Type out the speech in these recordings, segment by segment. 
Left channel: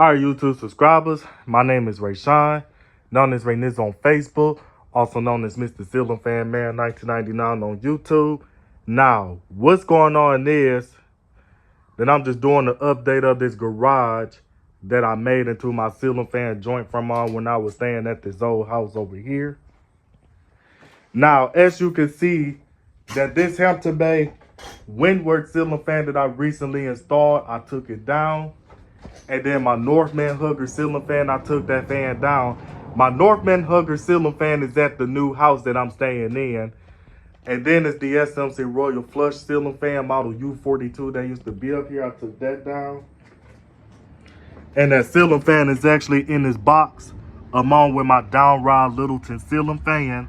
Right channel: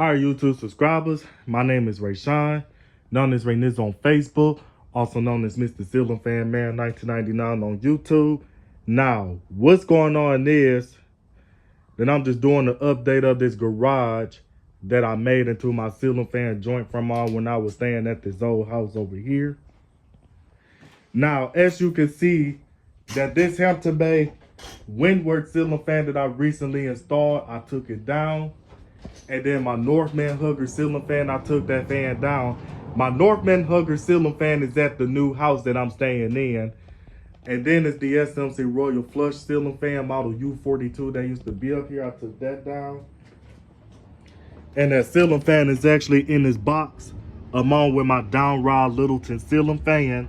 All right, YouTube subscribers, my name is Rayshawn, known as Ray Niz on Facebook, also known as Mr. Ceiling Fan Man 1999 on YouTube. Now, what's going on is that I'm just doing an update of this garage that I made into my ceiling fan joint from when I was staying at this old house over here. Now, as you can see, that this Hampton Bay Windward ceiling fan that I recently installed, I took it down. And then my Northman Hugger ceiling fan, I took that fan down. My Northman Hugger ceiling fan is at the new house that I'm staying in. And then it's the SMC Royal Flush ceiling fan model U42 that used to be up here. I took that down. And that ceiling fan is actually in this box along with my Downrod Littleton ceiling fan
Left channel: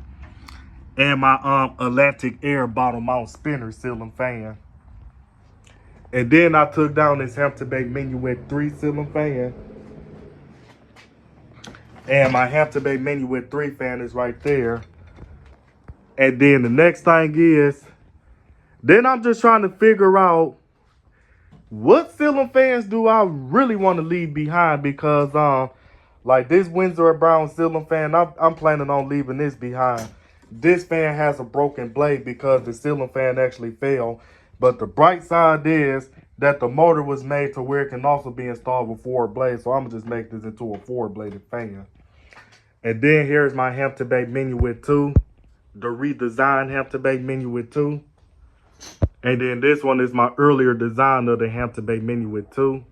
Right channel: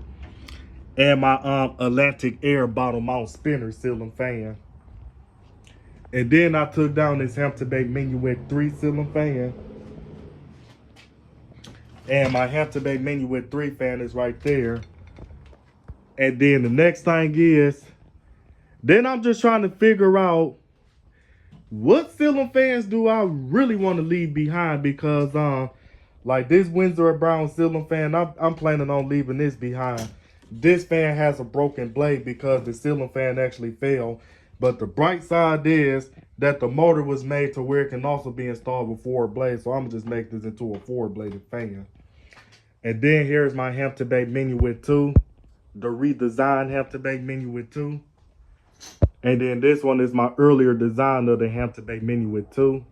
and my Atlantic Air bottom mount spinner ceiling fan. And then I took down this Hampton Bay Minuet 3 ceiling fan. And my Hampton Bay Minuet 3 fan is right there. And then the next thing is, then I'm just trying to figure out what ceiling fans do I really want to leave behind, because like this Windsor Brown ceiling fan, I'm planning on leaving this behind. This fan has a broken blade because the ceiling fan actually fell. But the bright side is that the motor was made to where it can also be installed with 4 blades. So I'm gonna just make this into a 4-bladed fan. And then here's my Hampton Bay Minuet 2, the redesigned Hampton Bay Minuet 2. And then this one is my earlier design of the Hampton Bay Minuet 2.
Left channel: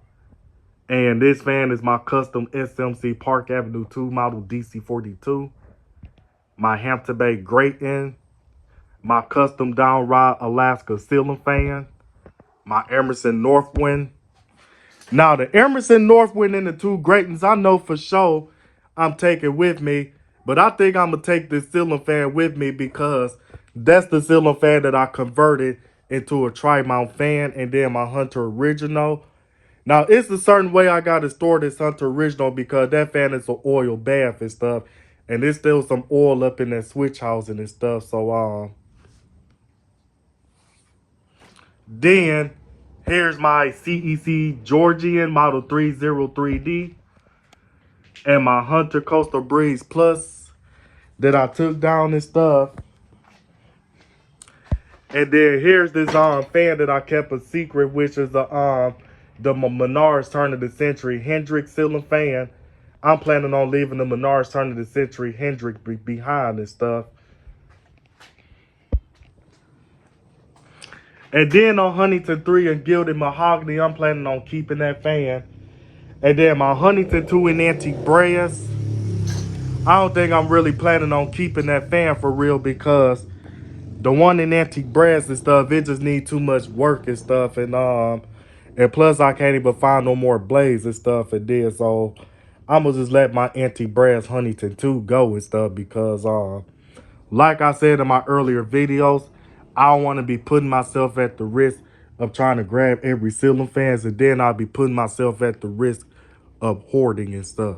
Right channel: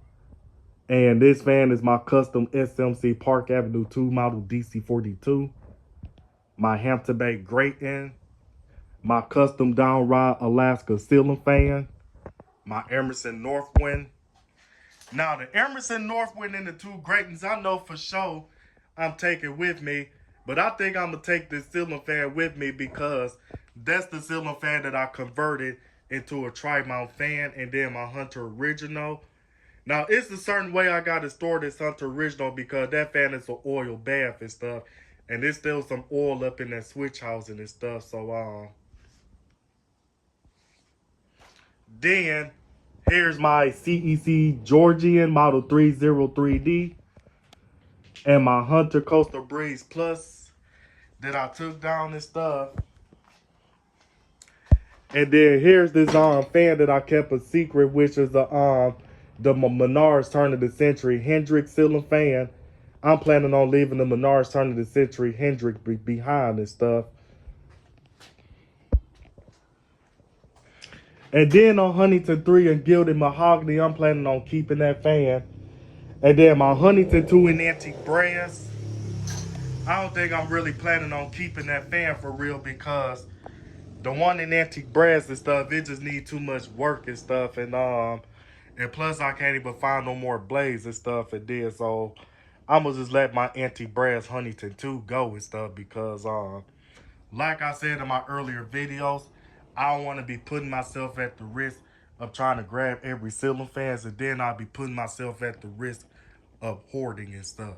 And this fan is my custom SMC Park Avenue 2 model DC42. My Hampton Bay Grating. My custom Downrod Alaska ceiling fan. My Emerson Northwind. Now, the Emerson Northwind and the 2 Gratings, I know for sure I'm taking with me. But I think I'm going to take this ceiling fan with me because that's the ceiling fan that I converted into a tri-mount fan. And then my Hunter Original. Now, it's a certain way I got to store this Hunter Original because that fan is an oil bath and stuff. And there's still some oil up in that switch housing and stuff. So, then, here's my CEC Georgian Model 303D and my Hunter Coastal Breeze Plus that I took down and stuff. And then here's this fan that I kept a secret, which is the Menards Turn of the Century Hendrick ceiling fan. I'm planning on leaving the Menards Turn of the Century Hendrick behind and stuff. And then on Huntington 3 and Gilded Mahogany, I'm planning on keeping that fan. And then my Huntington 2 in Antique Brass, I don't think I'm really planning on keeping that fan for real because the one in Antique Brass and stuff, it just needs too much work and stuff. And plus I can't even find no more blades and stuff. And then so I'm going to just let my Antique Brass Huntington 2 go and stuff because like I said in my earlier videos, I don't want to be putting myself at the risk of trying to grab every ceiling fans, and then I'll be putting myself at the risk of hoarding and stuff.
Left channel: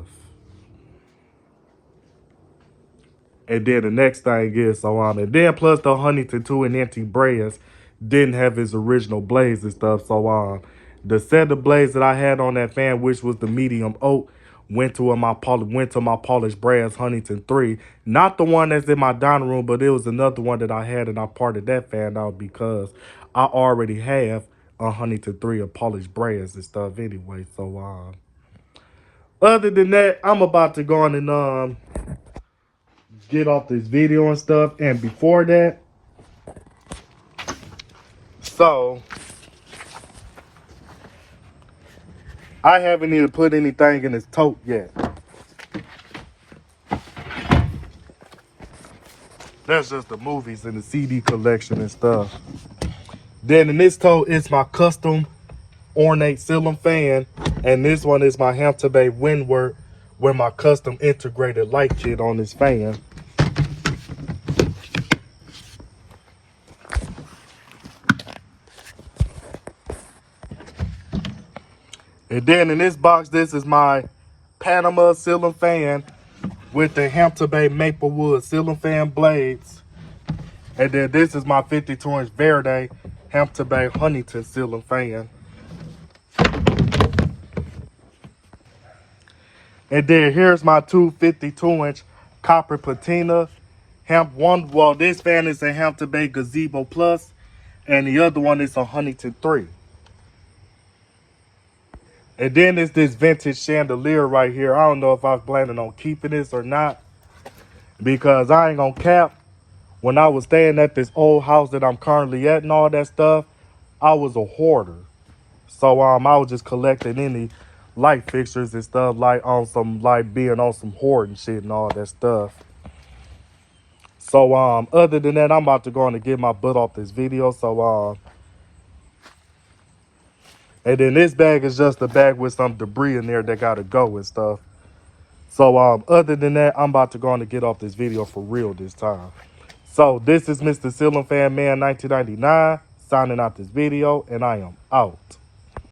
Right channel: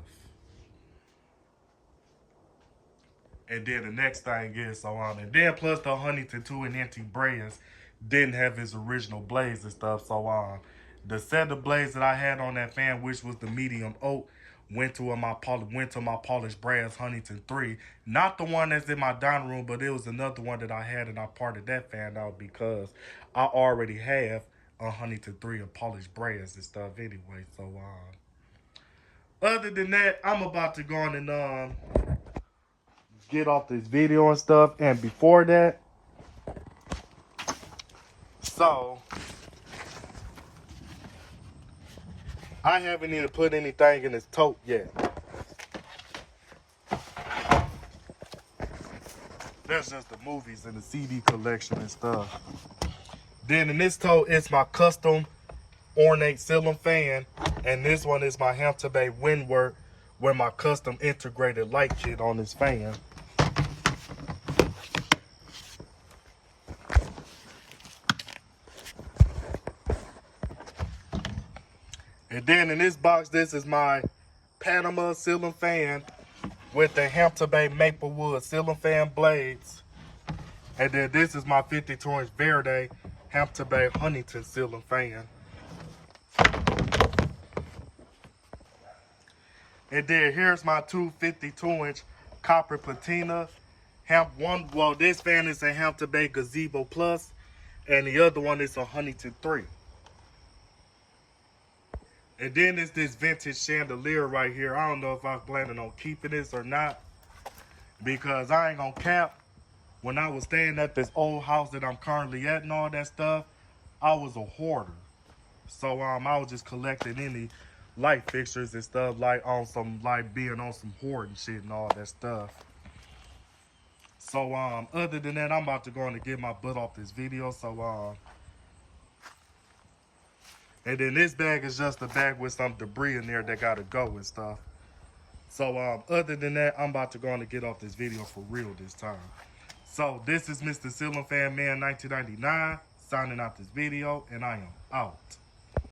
And then the next thing is, and then plus the Huntington 2 and Antique Brass didn't have his original blades and stuff. So the set of blades that I had on that fan, which was the medium oak, went to my polished brass Huntington 3. Not the one that's in my dining room, but it was another one that I had, and I parted that fan out because I already have a Huntington 3 of polished brass and stuff anyway. So other than that, I'm about to go on and get off this video and stuff. And before that, so I haven't even put anything in this tote yet. That's just the movies and the CD collection and stuff. Then in this tote is my custom ornate ceiling fan. And this one is my Hampton Bay Windward with my custom integrated light kit on this fan. And then in this box, this is my Panama ceiling fan with the Hampton Bay Maplewood ceiling fan blades. And then this is my 52-inch Verde Hampton Bay Huntington ceiling fan. And then here's my two 52-inch copper patina. Well, this fan is a Hampton Bay Gazebo Plus, and the other one is a Huntington 3. And then it's this vintage chandelier right here. I don't know if I was planning on keeping this or not, because I ain't gonna cap. When I was staying at this old house that I'm currently at and all that stuff, I was a hoarder. So I was just collecting any light fixtures and stuff, like on some, like being on some hoarding shit and all that stuff. So other than that, I'm about to go on and get my butt off this video. So and then this bag is just a bag with some debris in there that gotta go and stuff. So other than that, I'm about to go on and get off this video for real this time. So this is Mr. Ceiling Fan Man 1999 signing out this video, and I am out.